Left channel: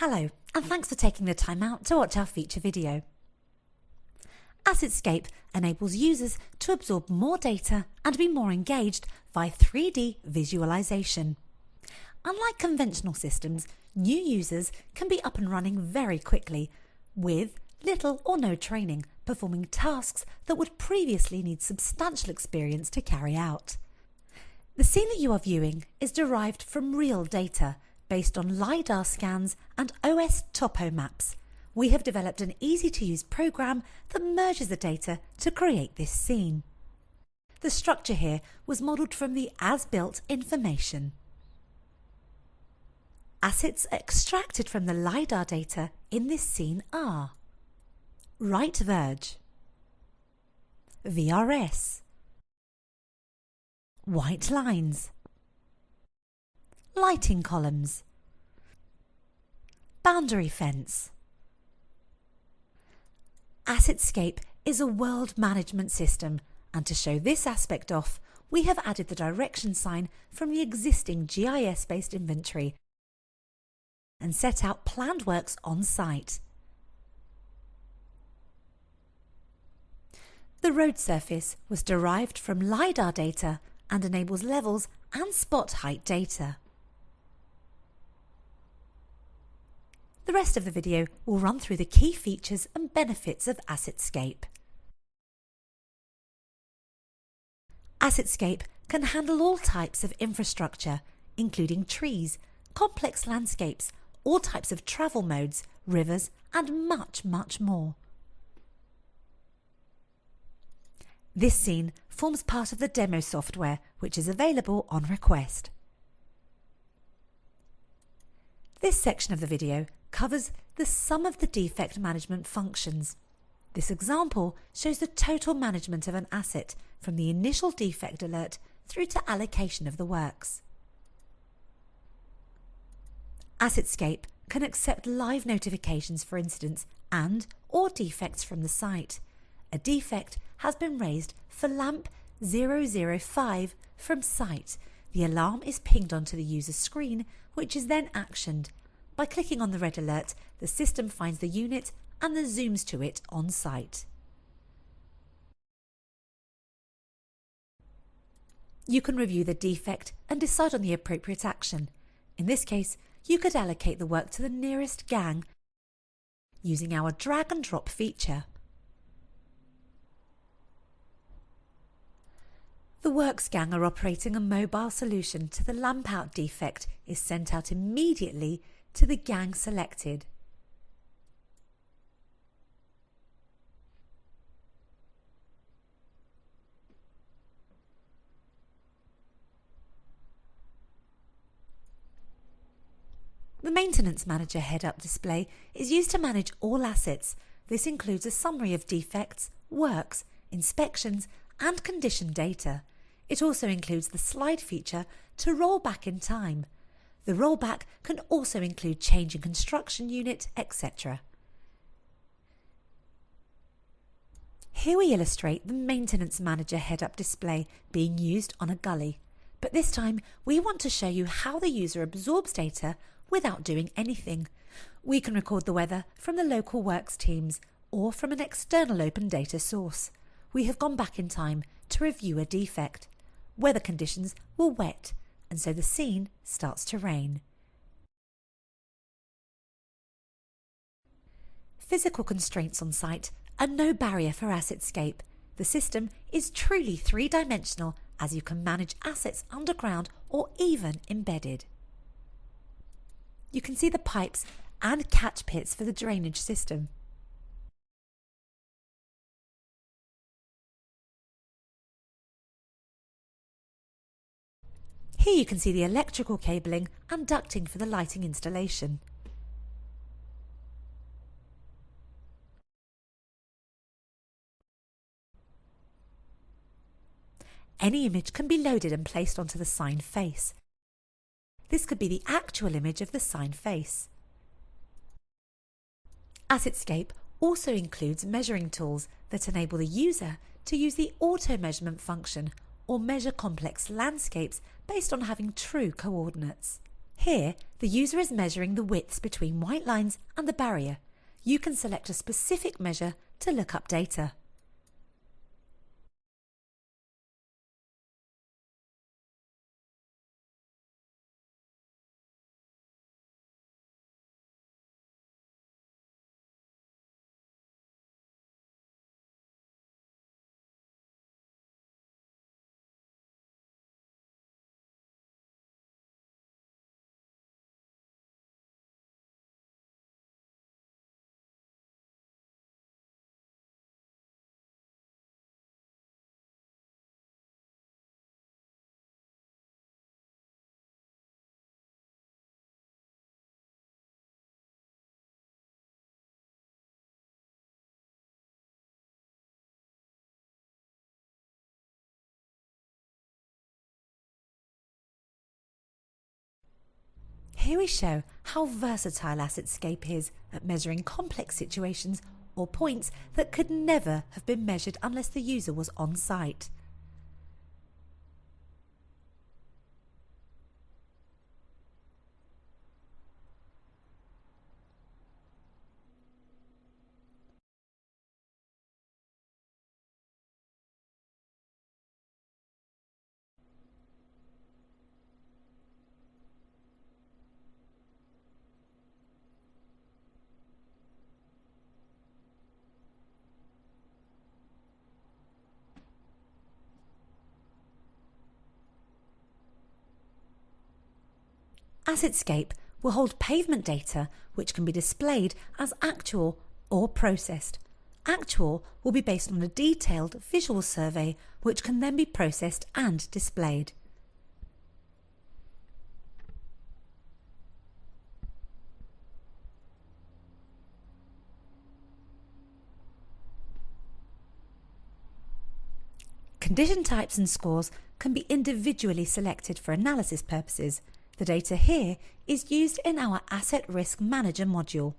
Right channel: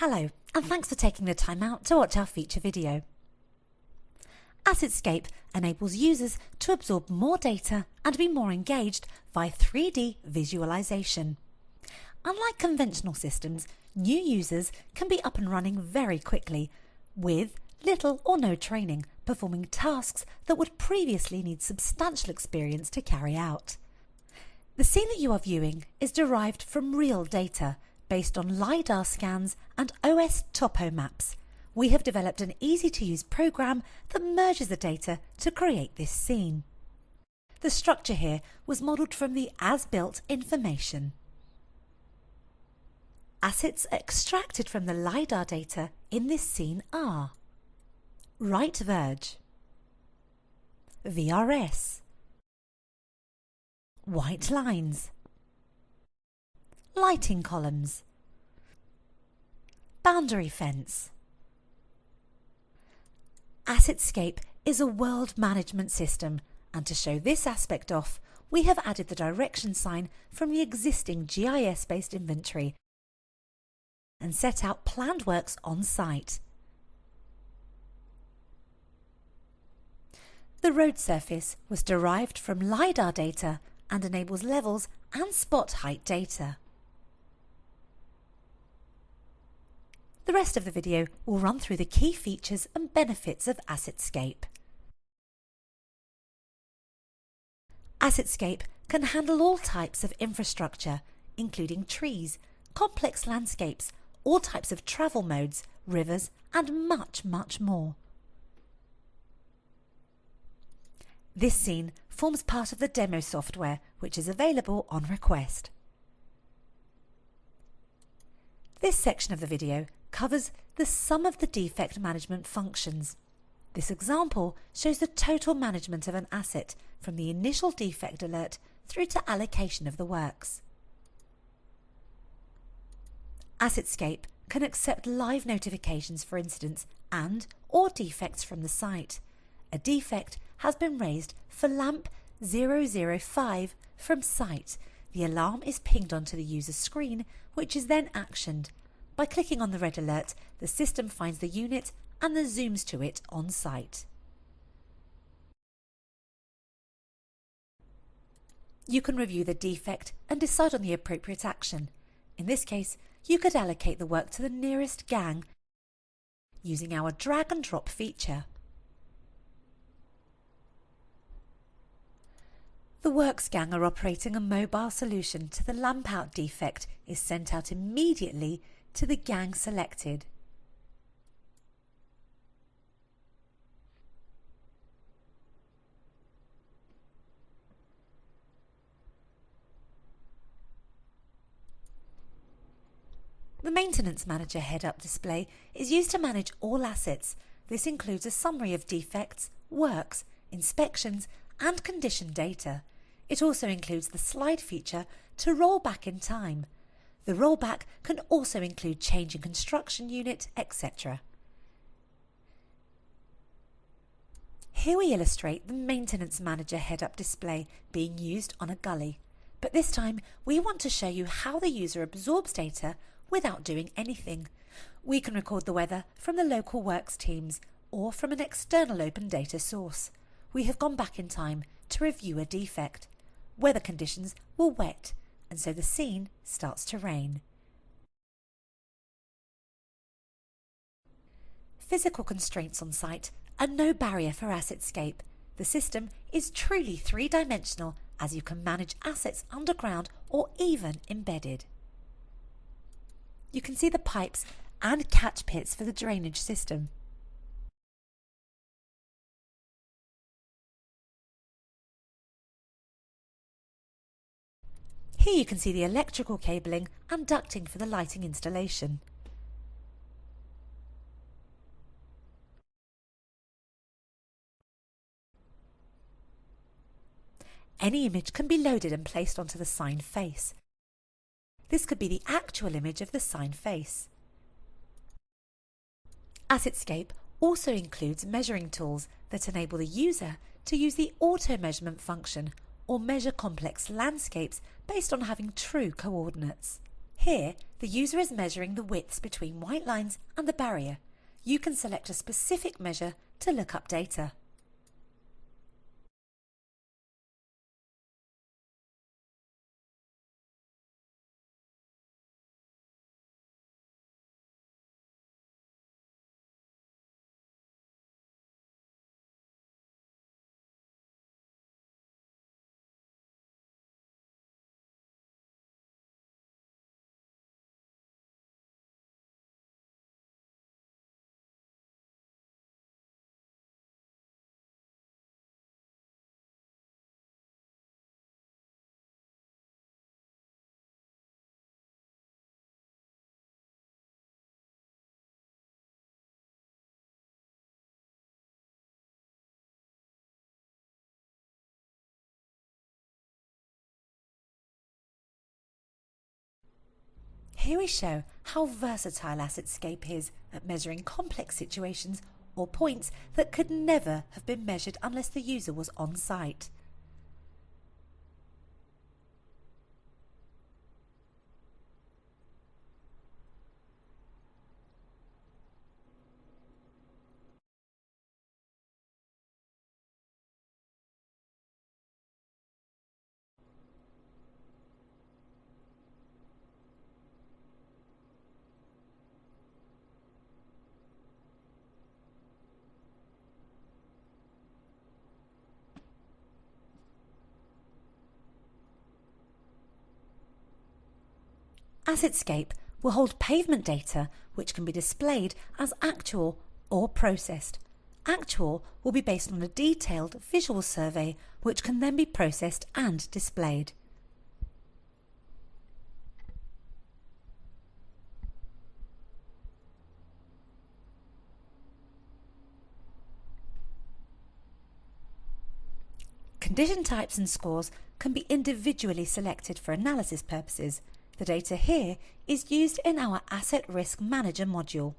Hello, and thanks for taking the time out to watch our feature video. AssetScape enables users to absorb more data and be more engaged via 3D visualization. Unlike conventional systems, new users can be up and running very quickly, with little or no training, performing tasks that would previously need substantial experience to carry out. The scene that you are viewing is derived from real data, based on LiDAR scans and OS topo maps. We have developed an easy-to-use program that merges the data to create this scene. The structure here was modelled from the as-built information. Assets extracted from the LiDAR data in this scene are right verge, VRS, white lines, lighting columns, boundary fence. AssetScape is a world management system, and to show this aspect off, we have added the direction sign from the existing GIS-based inventory and set out planned works on site. The road surface was derived from LiDAR data and enables levels and spot height data. The rest of the video will run through the key features and benefits of AssetScape. AssetScape can handle all types of infrastructure, including trees, complex landscapes, all types of travel modes, rivers, and much, much more. This scene forms part of the demo software, which is available on request. This section of the video covers the sum of the defect management functions. This example shows the total management of an asset from the initial defect alert through to allocation of the works. AssetScape can accept live notifications for incidents and/or defects from the site. A defect has been raised for lamp 005 from site. The alarm is pinged onto the user's screen, which is then actioned. By clicking on the red alert, the system finds the unit and then zooms to it on site. You can review the defect and decide on the appropriate action. In this case, you could allocate the work to the nearest gang using our drag and drop feature. The works gang are operating a mobile solution to the lamp out defect is sent out immediately to the gang selected. The Maintenance Manager head-up display is used to manage all assets. This includes a summary of defects, works, inspections, and condition data. It also includes the slide feature to roll back in time. The rollback can also include changing construction unit, etc. Here we illustrate the Maintenance Manager head-up display being used on a gully. But this time we want to show you how the user absorbs data without doing anything. We can record the weather from the local works teams or from an external open data source. We have gone back in time to review a defect. Weather conditions were wet, and so the scene starts to rain. Physical constraints on site are no barrier for AssetScape. The system is truly three-dimensional, as you can manage assets underground or even embedded. You can see the pipes and catch pits for the drainage system. Here you can see the electrical cabling and ducting for the lighting installation. Any image can be loaded and placed onto the sign face. This could be the actual image of the sign face. AssetScape also includes measuring tools that enable the user to use the auto measurement function or measure complex landscapes based on having true coordinates. Here, the user is measuring the widths between white lines and the barrier. You can select a specific measure to look up data. Here we show how versatile AssetScape is at measuring complex situations or points that could never have been measured unless the user was on site. AssetScape will hold pavement data which can be displayed as actual or processed. Actual will be based on a detailed visual survey which can then be processed and displayed. Condition types and scores can be individually selected for analysis purposes. The data here is used in our Asset Risk Manager module.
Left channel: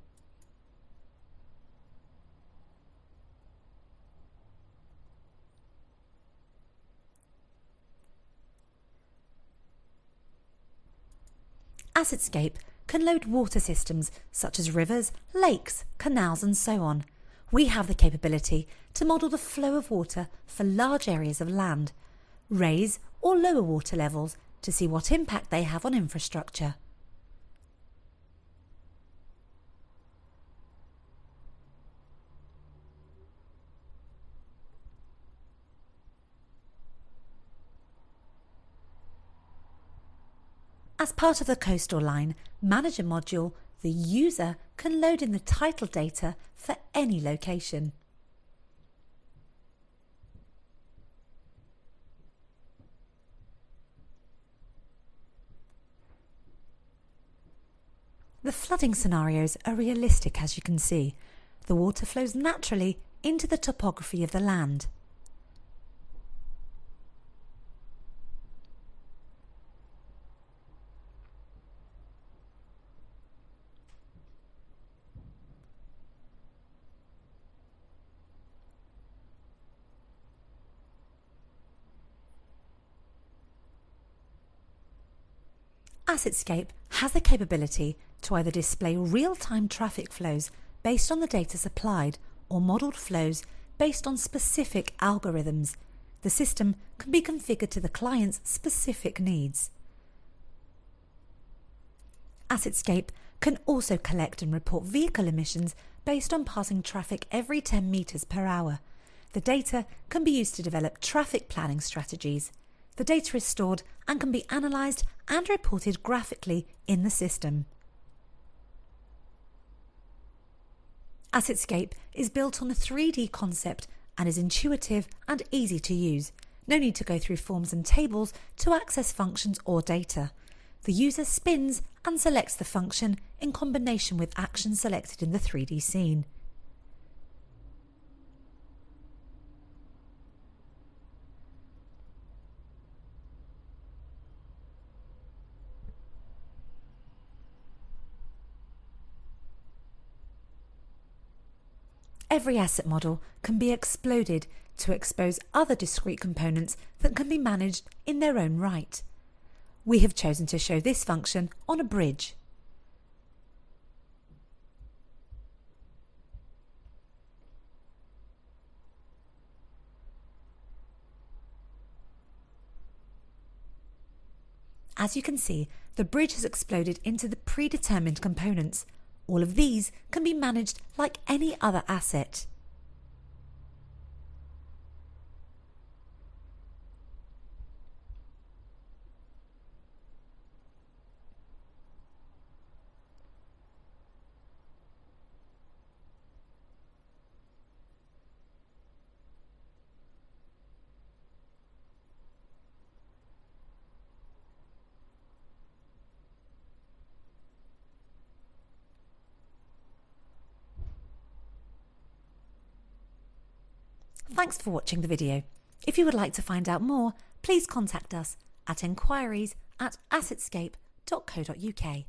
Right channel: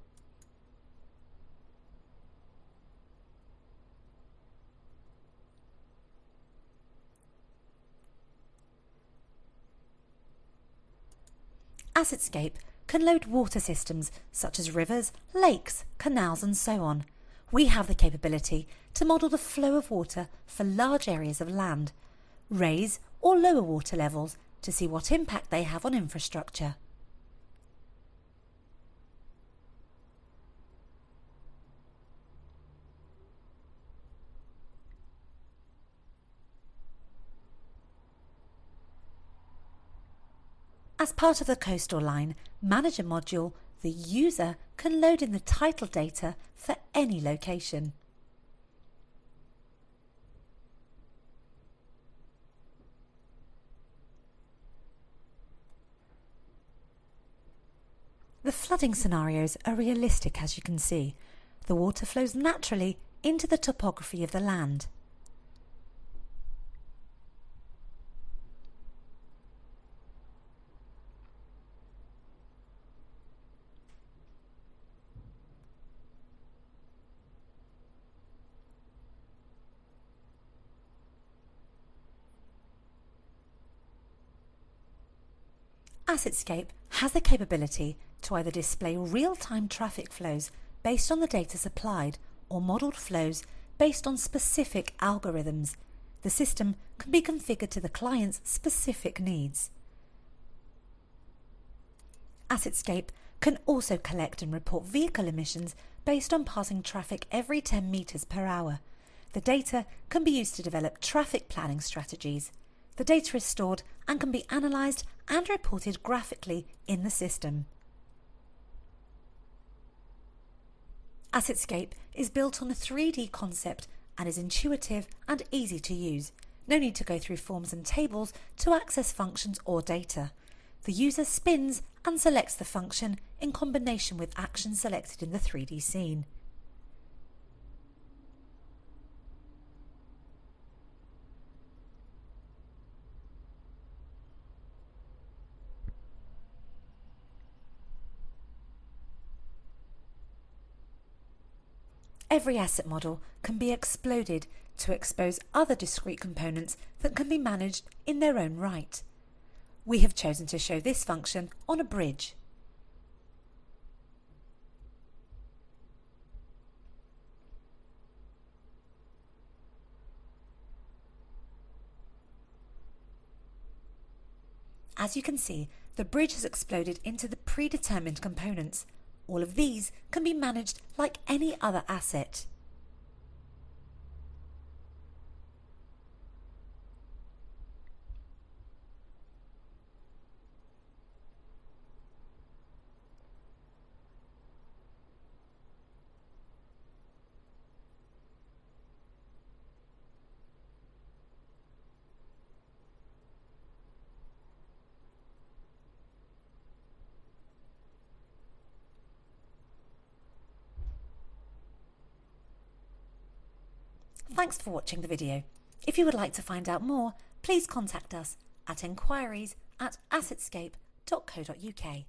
AssetScape can load water systems such as rivers, lakes, canals and so on. We have the capability to model the flow of water for large areas of land, raise or lower water levels to see what impact they have on infrastructure. As part of the Coastal Line Manager module, the user can load in the title data for any location. The flooding scenarios are realistic, as you can see. The water flows naturally into the topography of the land. AssetScape has the capability to either display real-time traffic flows based on the data supplied or modelled flows based on specific algorithms. The system can be configured to the client's specific needs. AssetScape can also collect and report vehicle emissions based on passing traffic every 10 metres per hour. The data can be used to develop traffic planning strategies. The data is stored and can be analysed and reported graphically in the system. AssetScape is built on a 3D concept and is intuitive and easy to use. No need to go through forms and tables to access functions or data. The user spins and selects the function in combination with actions selected in the 3D scene. Every asset model can be exploded to expose other discrete components that can be managed in their own right. We have chosen to show this function on a bridge. As you can see, the bridge has exploded into the predetermined components. All of these can be managed like any other asset. Thanks for watching the video. If you would like to find out more, please contact us at enquiries@assetscape.co.uk.